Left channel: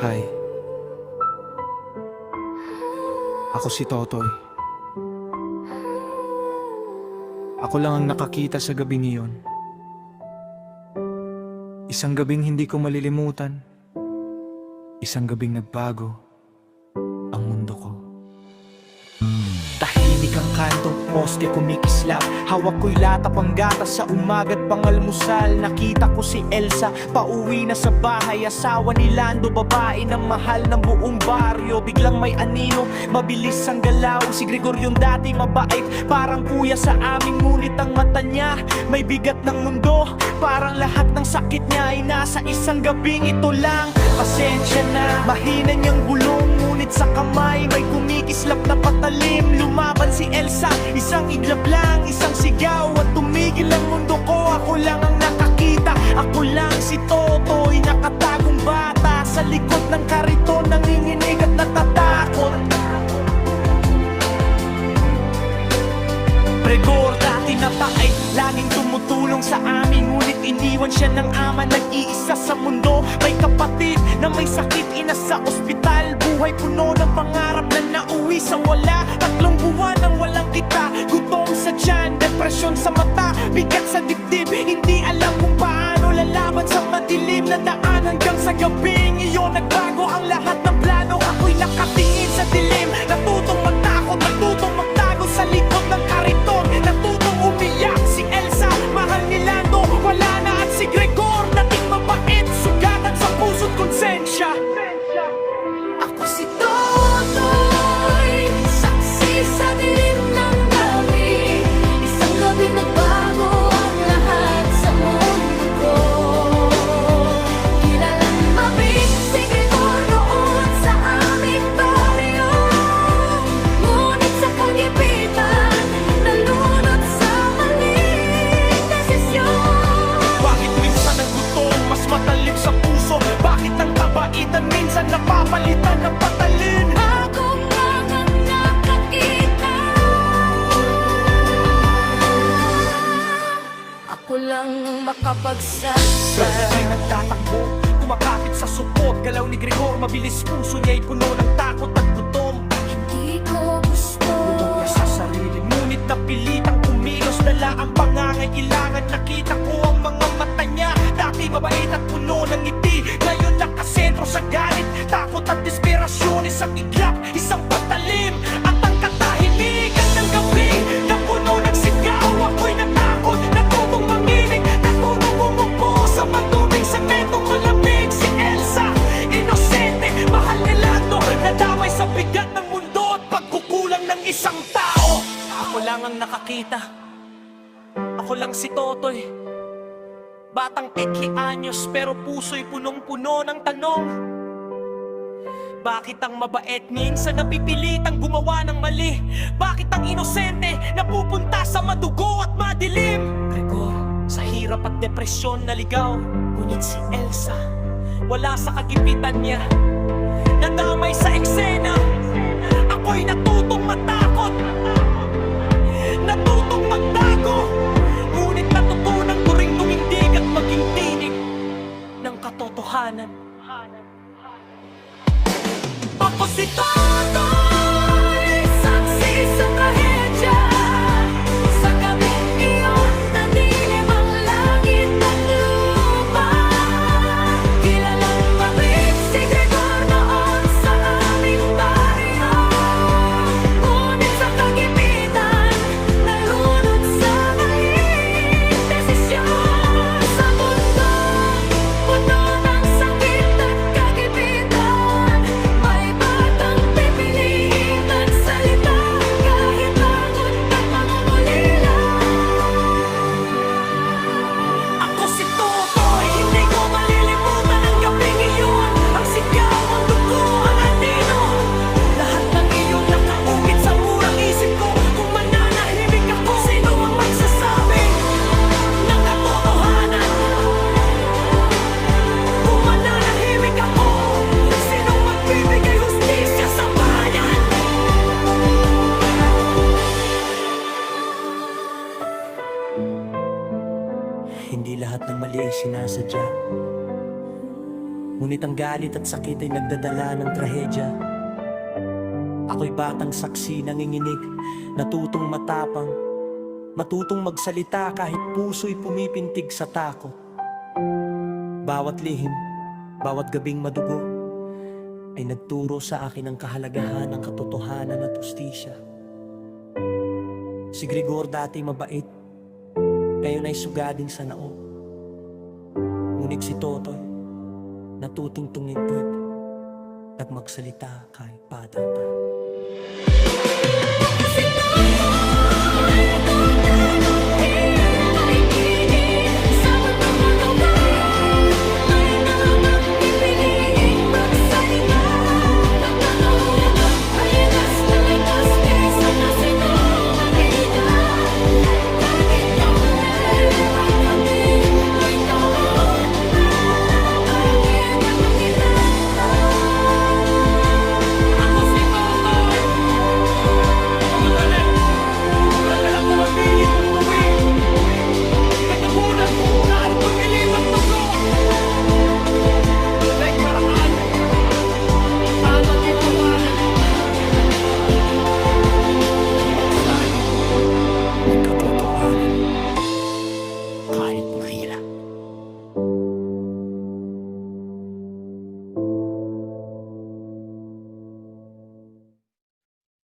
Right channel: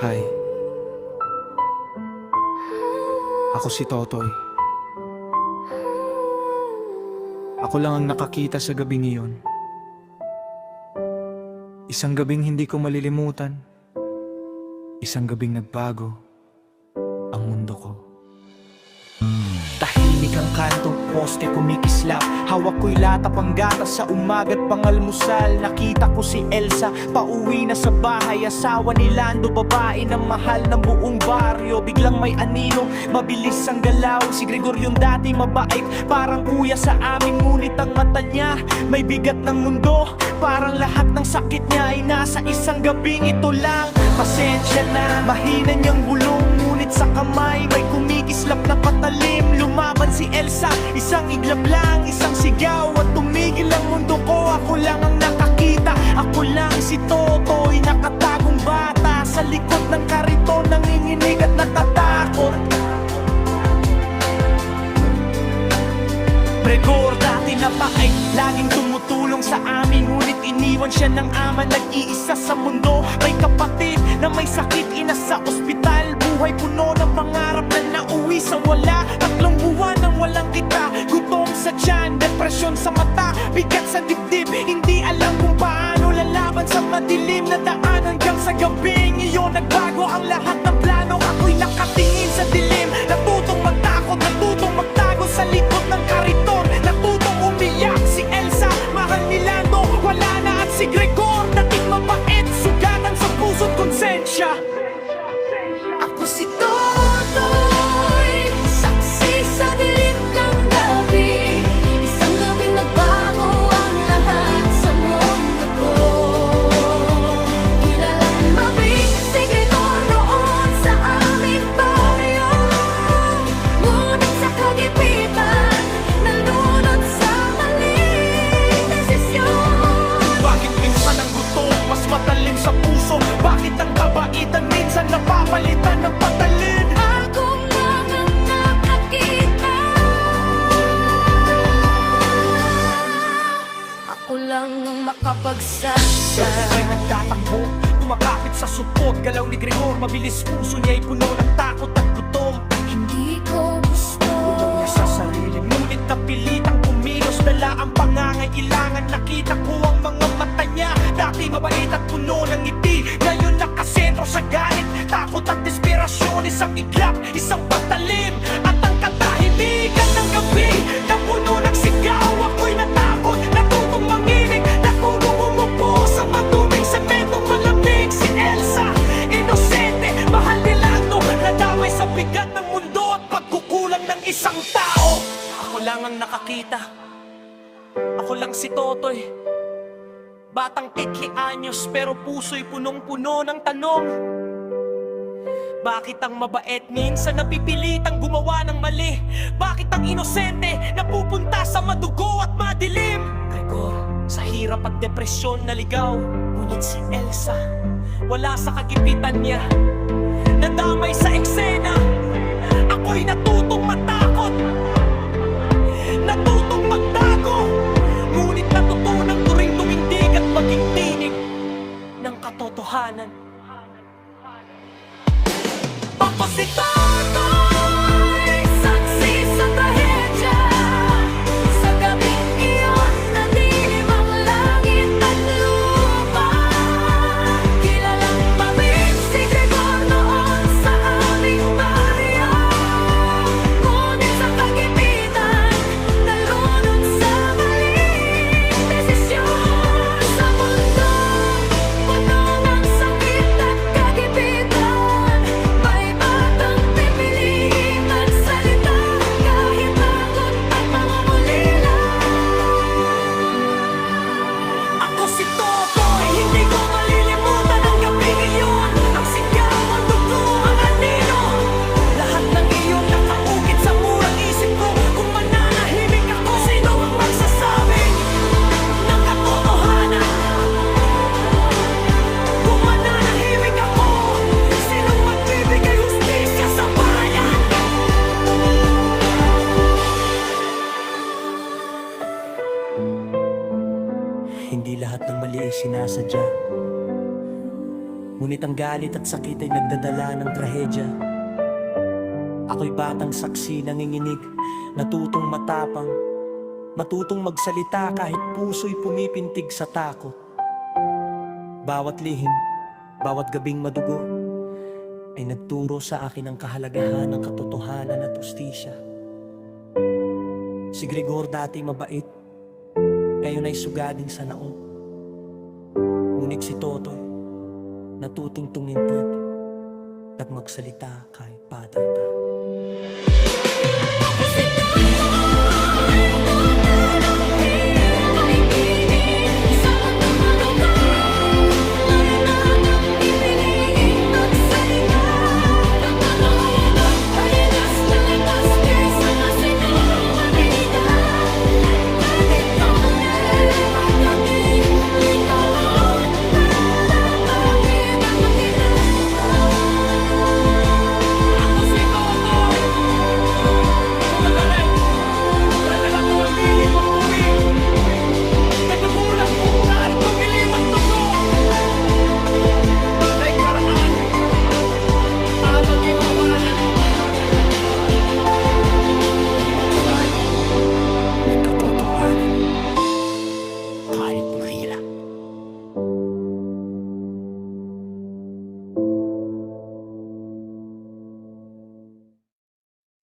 Hi. Ako si Totoy. Ako lang ang nakakita sa gabing iyon. Isang gabing hindi ko malilimutan. Isang gabing nagbago ang mundo ko. Tahimik ang kanto, poste kumikislap. Hawak ko'y lata pang gatas sa umaga't pangalmusal. Nakita ko si Elsa, pauwi na sa bahay. Asawa ni Lando, babae na mahal ng buong baryo. Biglang may anino, mabilis ang galaw. Si Gregor yung dati mabait, parang kuya sa amin. Ngunit ang mata niya, may bigat ng mundo. Parang lahat ng sakit niya ay nasa isang gabing ito lang. Pasensya na, mahina niyang bulong. Ngunit sa kamay, may kumikislap na patalim. Lumaban si Elsa, isang iglap lang, isang sigaw at tumigil ang mundo ko. Ako lang ang nakakita, ako lang si Totoy, nakatagong bata sa likod ng kariton, nanginginig at natatakot. Gregor dati na paay, laging tumutulong sa amin. Ngunit iniwan siya ng ama, nag-iisa sa mundo. May kapatid na may sakit, ina sa ospital. Buhay puno ng pangarap na nauwi sa wala. 3 buwan nang walang kita, gutom sa tiyan, depresyon sa mata, bigat sa dibdib. Hindi alam kung paano lalaban sa madilim na daan. Hanggang sa gabing iyon nagbago ang lahat ng plano. Ako'y nakatingin sa dilim, natutong magtakot, natutong magtago sa likod ng kariton. Natutong umiyak si Elsa, mahal ni Lando, wala na. At si Gregor, dating mabait, sugatan sa puso't konsensya. Ako si Totoy, saksi sa dilim ng gabi. Isang gabing nagbago ang lahat sa mundo ko. Kilalang mabig si Gregor noon sa aming baryo. Ngunit sa kagipitan, nalunod sa maling desisyon. Bakit minsan ang gutom mas matalim sa puso? Bakit ang kabaitan minsan napapalitan ng patalin? Ako nga ang nakakita, ako lang ang makapagsabi. Ay nagtatakbo, kumakapit sa supot. Galaw ni Gregor, mabilis, puso niya'y puno ng takot at gutom. Hindi ko gusto Bulong niya sa sarili, ngunit napilitang kumilos. Dala ang pangangailangan, nakita ko ang mga mata niya. Dati mabait at puno ng ngiti, ngayon nakasentro sa galit, takot at desperasyon. Isang iglap, isang patalim, at ang katahimikan ng gabi na puno ng sigaw. Ako'y natakot, natutong manginig, natutong umupo sa maduming sementong malamig. Si Elsa, inosente, mahal ni Lando, nadamay sa bigat ng mundo at pagkukulang ng isang tao. Ako lang ang nakakita, ako lang si Totoy, batang 8 anyos pero puso'y punong-puno ng tanong. Bakit ang mabait minsan napipilitang gumawa ng mali? Bakit ang inosente napupunta sa madugo at madilim? Gregor, sa hirap at depresyon naligaw. Ngunit si Elsa, wala sa kagipitan niya, nadamay sa eksena. Ako'y natutong matakot, natutong magtago. Ngunit natutunan ko ring tumindig at maging tinig ng katotohanan. Ako si Totoy, saksi sa trahedya. Sa gabing iyon, nadilim ang langit at lupa. Kilalang mabib si Gregor noon sa aming baryo. Ngunit sa kagipitan, nalunod sa maling desisyon. Sa mundong puno ng sakit at kagipitan, may batang pipiliin magsalita kahit takot at pangungulila. Ako si Totoy, hindi ko malilimutan ang gabing iyon. Ang sigaw, ang dugo, ang anino, lahat ng iyon nakaukit sa murang isip ko. Kung mananahimik ako, sino ang magsasabing ng katotohanan? Kung mananahimik ako, sinong magbibigay hustisya sa bayan? Hindi lahat ng mali ay sinasadya. Ngunit ang galit at sakit ay nagdadala ng trahedya. Ako'y batang saksi nanginginig, natutong matapang, matutong magsalita kahit puso'y pumipintig sa takot. Bawat lihim, bawat gabing madugo, ay nagturo sa akin ang kahalagahan ng katotohanan at hustisya. Si Gregor dati mabait, ngayon ay sugading sa naong. Ngunit si Totoy, natutong tumintid at magsalita kahit bata pa. Ako si Totoy, tutanong di na maigigin sa mundo madugo. May nakang pipiliing magsalita, nagkakahugot, paligas na lakas kaysa kasinungalingan. At ganito ulit magdating, may kakaroon na nakakita kapitran. Ako si Totoy! Kumagalit! Pradala ko ang lilim at tuwing! Katugunan mo kahit itong ilim at dugo! Dahil karaan ang magintuwanan ng magsabi ng katotohanan kahit mahirap.